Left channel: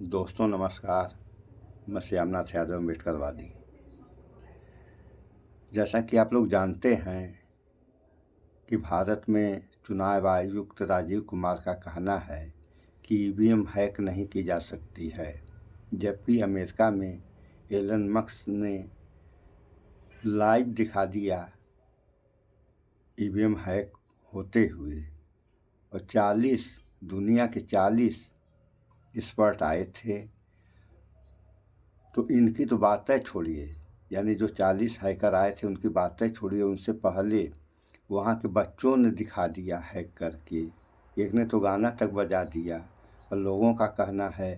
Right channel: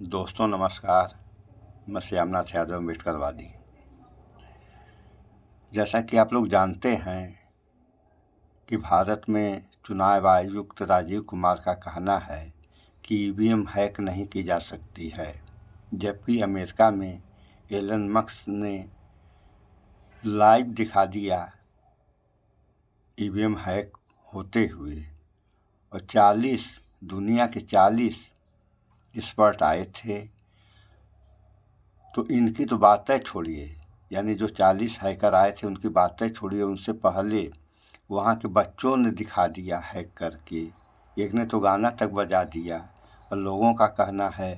दोस्तों नमस्कार। मैं श्यामनाथ यादव अम्बेडकरवादी। जैसा कि आप लोग जानते हैं कि भारत में चुनाव आयुक्त राजीव कुमार का कहना है कि ईवीएम हैक नहीं की जा सकती है, जबकि अमेरिका में एलन मस्क ने लाइव दिखा दिया ईवीएम हैक होते हुए। और 40 दुनिया के 40 एक्सपर्ट आए थे। तो इनकी तो बातें छोड़िए, यानी जो 40 हैकर आए थे उनकी बातें छोड़िए, उनसे पहले वहाँ के बच्चों ने दिखा दिया हैक करके। एक ने तो गाना तक बजा दिया। और लोगों का कहना है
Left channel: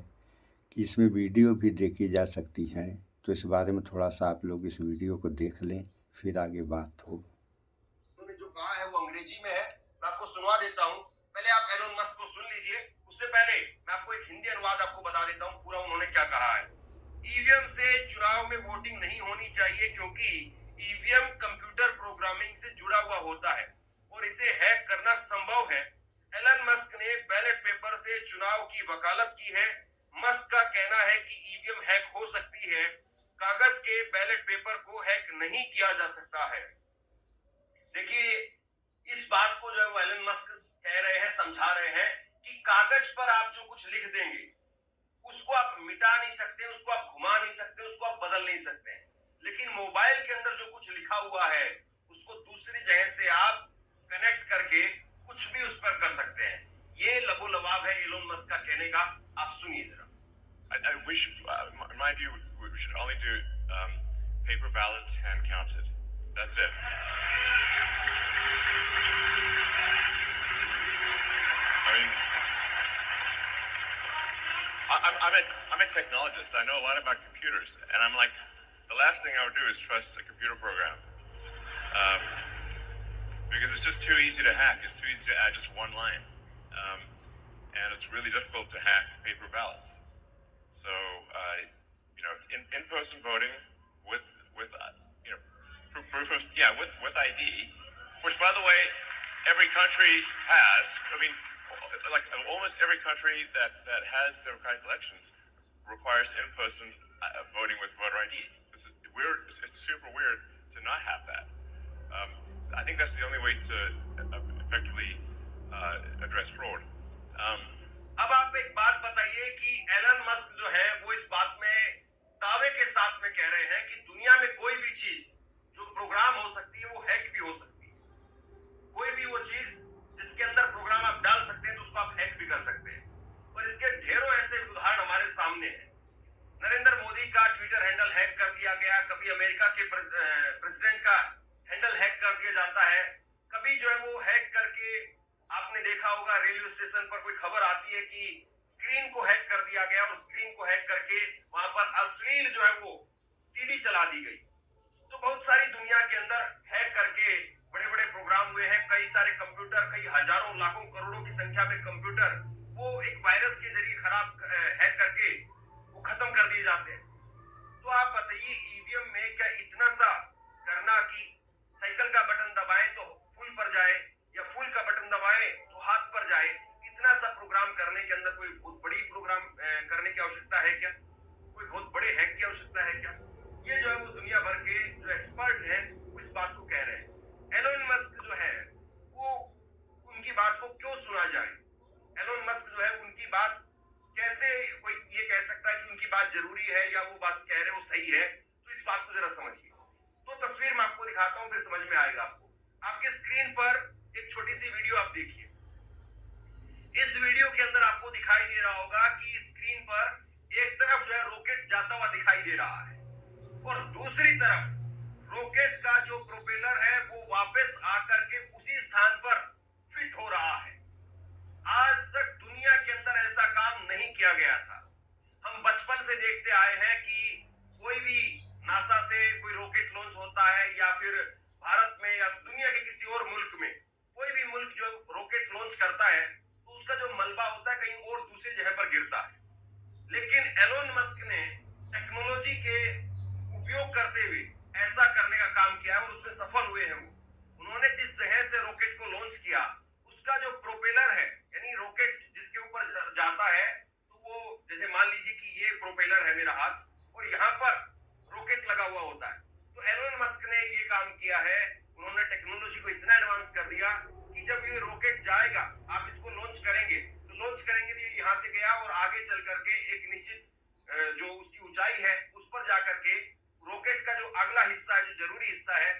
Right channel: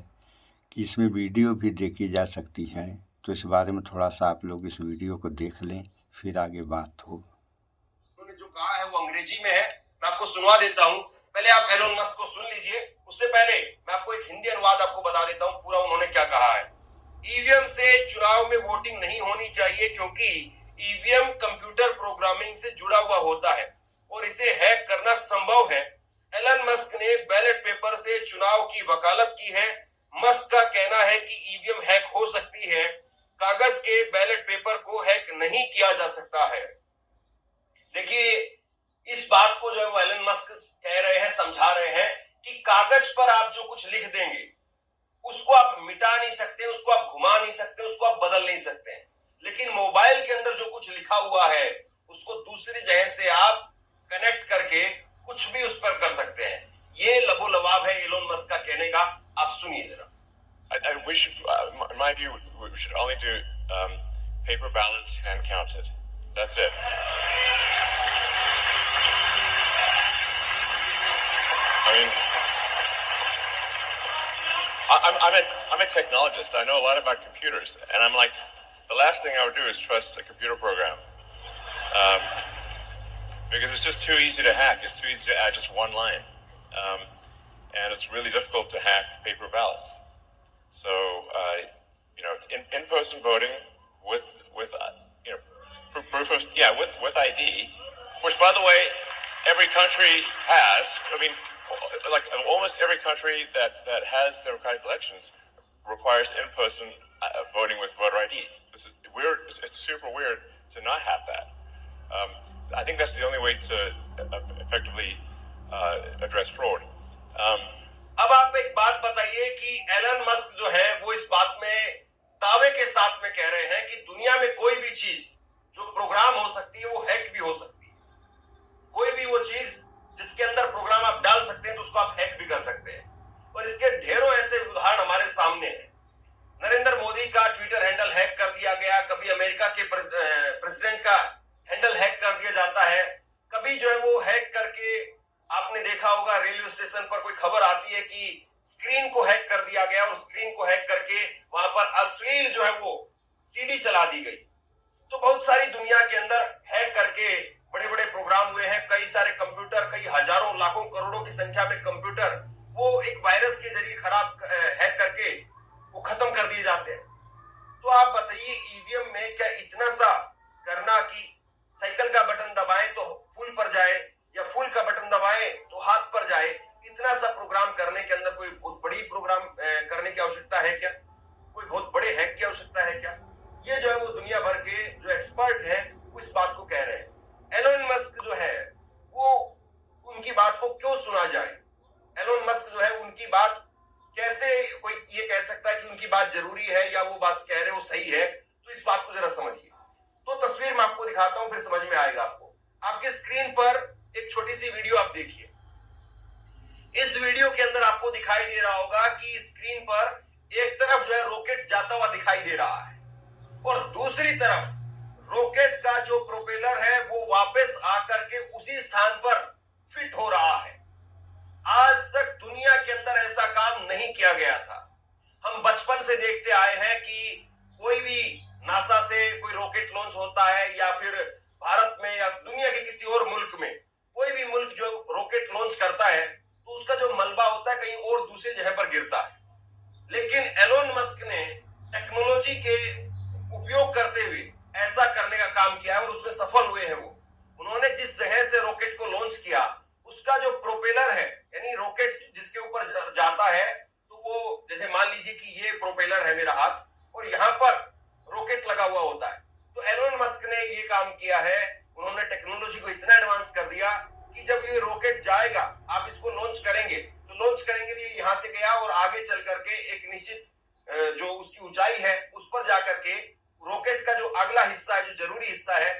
कि इसमें वीडियो भी देखी जा सकती हैं। तो इस बारे में थोड़ा सा आप लोग इस वीडियो को देख लें, फिर आगे बात हो। उन्होंने जो कहा है वो अंग्रेजी में है, मैं आपको सुनवा देता हूँ। पहले आप एलोन मस्क को सुन लीजिए, उससे पहले मैं आपको एक हिंदी अनुवाद आपको बता देता हूँ पूरा उन्होंने क्या कहा है। ईवीएम से चुनाव में वोटिंग नहीं होनी चाहिए क्योंकि ईवीएम कंप्यूटर प्रोग्रामिंग से जुड़ा हुआ होता है और इसे हैक करना संभव है। एलन मस्क ने बैलेट पेपर से चुनाव की वकालत की है। मस्क का कहना है कि ईवीएम हैक हो सकती है, कागज के बैलेट पेपर को हैक नहीं किया जा सकता है। देखिए, इस बात को जो है वो एलन मस्क कह रहे हैं, समझा रहे हैं कि कागज पर आप जो कुछ लिख देंगे उसको आप मिटा नहीं सकते, उसको आप घुमा नहीं सकते, उसको आप बदल नहीं सकते। लेकिन मोबाइल के अंदर जो कुछ लिखा हुआ है उसको दूसरी जगह से आप कनेक्ट करके कुछ भी उस पर कर सकते हैं। ये लबोलवाब है एलोन मस्क का कहने का। आप सुनिए जरा। In my view, we should only do paper ballots hand counted. That's it. I mean, I'm a technologist. I know a lot about computers, and I'm like, the last thing I would do is trust a computer program, because it's just too easy to hack. It's too easy to add just one line, and it's really difficult to hack paper ballots. So, it's in-person voting with proof of with ID, which by the way, every country has. I mean, like almost every country that has democratic elections requires in-person voting with voter ID. This is weird. It's super weird to not have that. I think that's the only way to effectively address fraud. अब आप एक बात बताइए कि Elon Musk जो है वो इस बात में दावे के साथ में कह रहे हैं कि दुनिया में कोई भी चीज जो प्रोग्राम हो सकती है वो हैक भी हो सकती है। कोई भी वो चीज जिसके अंदर प्रोग्राम आप डाल सकते हैं तो उसको आप हैक भी कर सकते हैं। और इसके ढेरों ऐसे उदाहरण हमारे सामने हैं। नरेंद्र मोदी का ट्विटर हैंडल हैक कर दिया गया, कभी अमेरिका के प्रेसिडेंट का हैंडल हैक कर दिया जाता है, कभी जो है वो हैक करके आपने देखा होगा रेलवे स्टेशन पर कोई खबर आती है कि स्क्रीन को हैक कर दिया गया और स्क्रीन को हैक करके वहां पर अश्लील जो है वो सीडी चला दी गई। तो बहुत सारी दुनिया के अंदर हैक करके बड़े बड़े प्रोग्राम हुए हैं। कई सारे कंप्यूटर, कई हजारों लाखों करोड़ों की संख्या में कंप्यूटर वो एक वायरस के जरिए खराब हैक करके वो खत्म कर दिए जाते हैं। तो आप बताइए, ईवीएम में क्या इतना सा करना कि साइकिल का बटन दबाएं तो फुल पर जाए या फुल का बटन दबाएं तो हाथ पर जाए, इतना सा प्रोग्राम करने के अंदर कोई बहुत बड़ी प्रोग्राम करने की आवश्यकता है क्या? कोई बहुत बड़े हैक की आवश्यकता है क्या? ये जो है वो दुनिया भर के जो एक्सपर्ट हैं वो इस बात को कह रहे हैं। एलोन मस्क जो है वो उनकी बात को क्यों सुना जाए? एलोन मस्क जो है उनकी बात कैसे कोई ये कह सकता है कि उनकी बात जरूरी है या वो बात कह रहे हैं वो सही है? तो इस बात को जरा समझिए। तो तस्वीर मैं आपको दिखाता हूं, फिर समझ में आएगा आपको। आपके स्क्रीन पर एक छोटी सी वीडियो आप देखिए। इस वीडियो के अंदर आपको दिखाई दे रहा होगा कि स्क्रीन पर एक तरफ जो है रॉकेट जाता हुआ दिखाई दे रहा है और दूसरी तरफ रॉकेट का जो प्रोपेलर है वो वापस आकर के उसी स्थान पर फिट हो रहा है। आज तक दुनिया के अंदर ऐसा काम नहीं किया गया था। हम बचपन से देखते आए हैं कि कोई भी नासा से कोई रॉकेट लॉन्च होता है या फिर भारत में या दुनिया के किसी और मुल्क में कोई भी मुल्क जो रॉकेट लॉन्च करता है तो उसका जो मलबा होता है कहीं और दूसरी जगह पर गिरता है। लेकिन एलोन मस्क ने टेक्नोलॉजी के उपयोग करते हुए ऐसा करने का काम किया है और उसमें सफल हुए हैं। वो उन्होंने जिस जगह से रॉकेट को लॉन्च किया उसका जो प्रोपेलर है, यानी रॉकेट जिसके ऊपर जाता है, तो वो जैसे मान लीजिए कि ये प्रोपेलर है मेरा हाथ और यहाँ पर रॉकेट लगा हुआ होता है। तो एलोन मस्क ने ये काम किया है, उन्होंने टेक्नोलॉजी को इतना एडवांस कर दिया कि जब ये रॉकेट जाएगा, आप इसको लॉन्च करेंगे तो ये यहाँ से गया और आगे चल करके एक निश्चित जो उसकी ऊंचाई है उस पर जाकर के रॉकेट का जो अगला हिस्सा है, जो जरूरी हिस्सा है,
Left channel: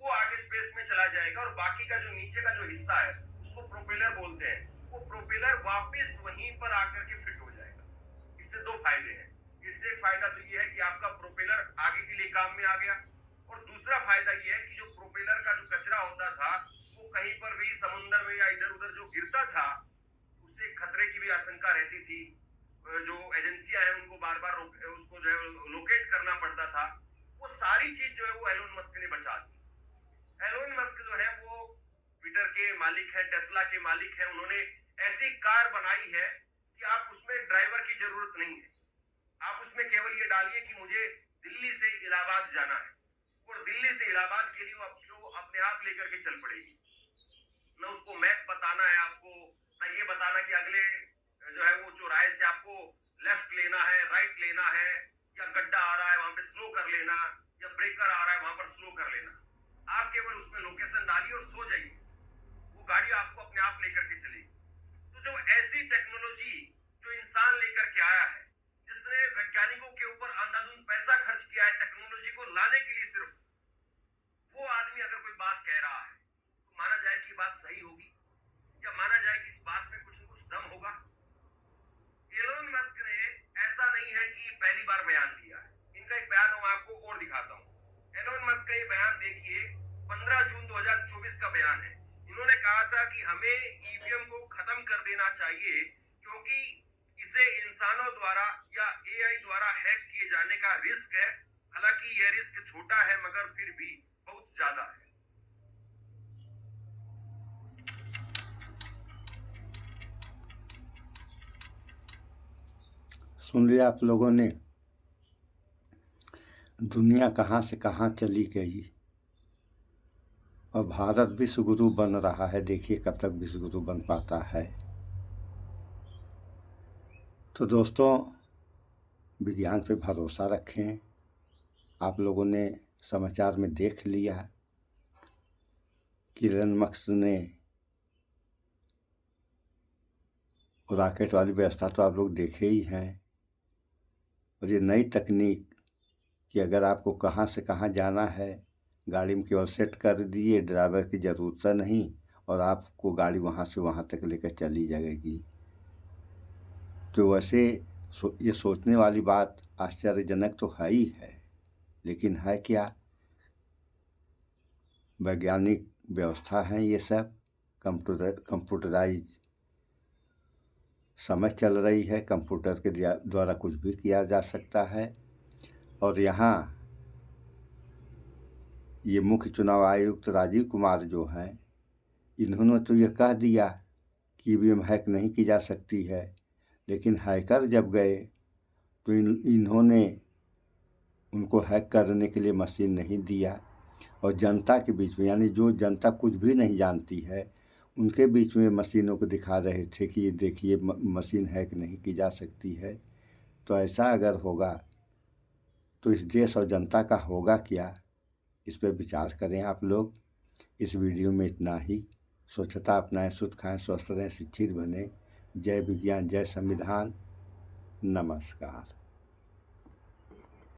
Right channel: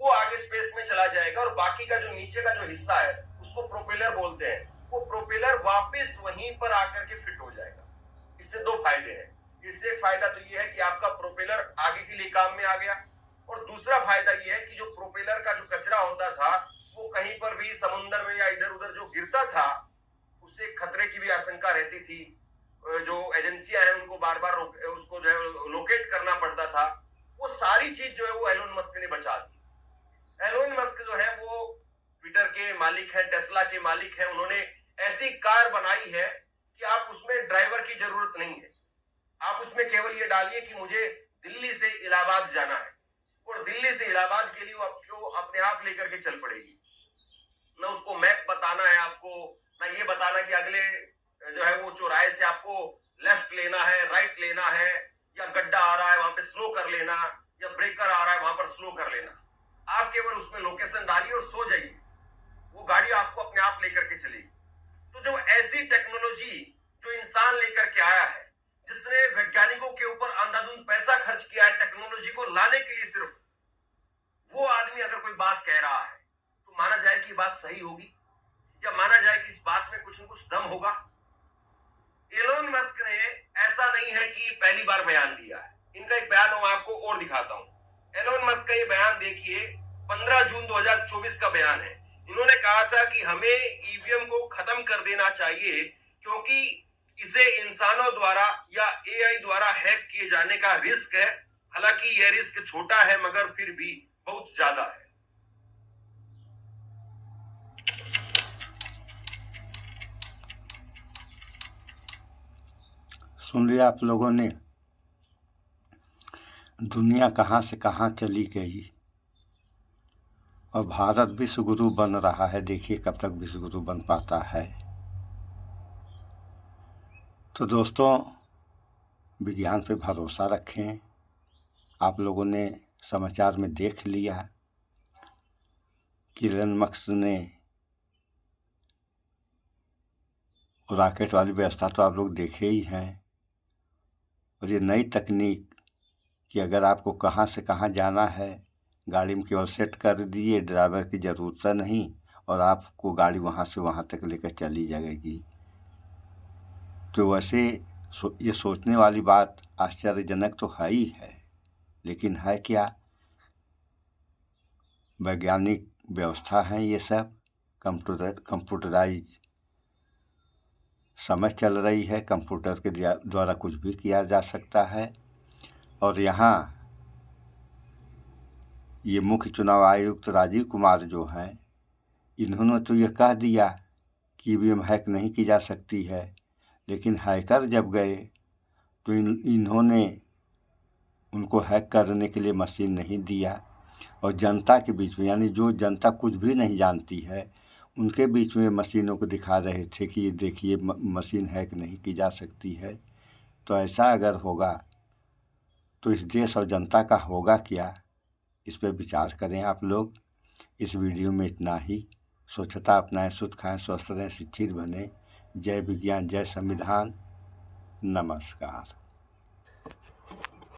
वो आगे स्पेस में चला जाएगा और बाकी का जो नीचे का जो हिस्सा है उसको प्रोपेलर बोलते हैं, वो प्रोपेलर वापस वहीं पर आकर के फिट हो जाएगा। इससे दो फायदे हैं। इससे एक फायदा तो ये है कि आपका प्रोपेलर आगे के लिए काम में आ गया और दूसरा फायदा ये है कि जो प्रोपेलर का जो कचरा होता था वो कहीं पर भी समुद्र में या इधर उधर जो गिरता था उससे खतरे की भी आशंका रहती थी। जो एजेंसियां हैं उनको बार बार उसको जो है लोकेट करना पड़ता था। वो सारी चीज जो है वो एलोन मस्क ने बचा दी। एलोन मस्क जो है वो ट्विटर के मालिक है, टेस्ला के मालिक है। उन्होंने ऐसी कार बनाई है कि आप उसमें ड्राइवर की जरूरत नहीं है। आप उसमें केवल ये डालिए कि मुझे दिल्ली से इलाहाबाद जाना है और दिल्ली से इलाहाबाद के लिए वो आपको अपने आप लेकर के चल पड़ेगी। ना उसको मैप बताना है आपको, ना ये बताना कि अगले जो है वो चौराहे से आपको लेफ्ट लेना है, राइट लेना है, या गड्ढा आ रहा है वहां पे स्लो कर लेना, या ब्रेकर आ रहा है वहां पर स्लो कर लेना। आप केवल उसमें लोकेशन डालिए और सो जाइए, वो गाड़ी आपको अपने आप लेकर के चलेगी। तो जो ऐसी टेक्नोलॉजी जो इंसान लेकर के आया है, जिसने वैज्ञानिकों के ऊपर अंधाधुंध पैसा खर्च किया है टेक्नोलॉजी को लाने के लिए, सिर्फ वो आदमी अगर कोई बात कह रहा है तो माना जाए कि बात सही होगी या माना जाए कि इस बात में कुछ न कुछ दम होगा। एलोन मस्क ने ऐसा नहीं है कि पहली बार बयान दिया है। इनका एक बयान मैं आपको और दिखाता हूं। एलोन मस्क का ये बयान देखिए, 15 जून 2024 का बयान है। इन्होंने कहा था कि हमें ईवीएम को खत्म कर देना चाहिए क्योंकि इसे इंसानों द्वारा या एआई द्वारा हैक किए जाने का रिस्क है। हालांकि यह रिस्क छोटा है मगर फिर भी बहुत ज्यादा है। सुन लिया आप लोगों ने, दुनिया कहाँ से कहाँ चली गई और भारत विश्व गुरु बन रहा है। देखिए कब तक विश्व गुरु बन पाता है। तो दोस्तों, विज्ञान पे भरोसा रखें। आप लोगों ने समाचार में देख लिया कि एलन मस्क ने रॉकेट वाली व्यवस्था तो आप लोग देखे ही हैं। और ये नई तकनीक कि अगर आपको कहाँ से कहाँ जाना है, गाड़ी में केवल सेट कर दिए, ड्राइवर की ज़रूरत नहीं और आपको गाड़ी वहाँ से वहाँ तक लेकर चली जाएगी। तो वैसे ये सोचने वाली बात आश्चर्यजनक तो है ही है, लेकिन है क्या? वैज्ञानिक व्यवस्था है ये सब, कंप्यूटराइज समझ चल रही है। कंप्यूटर के द्वारा कुछ भी किया जा सकता है। और यहाँ ये मुख्य चुनाव आयुक्त राजीव कुमार जो हैं, इन्होंने तो ये कह दिया कि ईवीएम हैक नहीं की जा सकती है, लेकिन हैकर जब गए तो इन्होंने उनको हैक करने के लिए मशीन नहीं दिया और जनता के बीच में, यानी जो जनता कुछ भी नहीं जानती है, उनके बीच में मशीनों को दिखा रहे थे कि ये देखिए मशीन हैक नहीं की जा सकती है। तो ऐसा अगर होगा तो इस देश और जनता का होगा क्या? इस पर विचार करें आप लोग। इस वीडियो में इतना ही। स्वच्छता अपनाएं, शुद्ध खाएं, स्वस्थ रहें, शिक्षित बने। जय विज्ञान, जय संविधान। नमस्कार।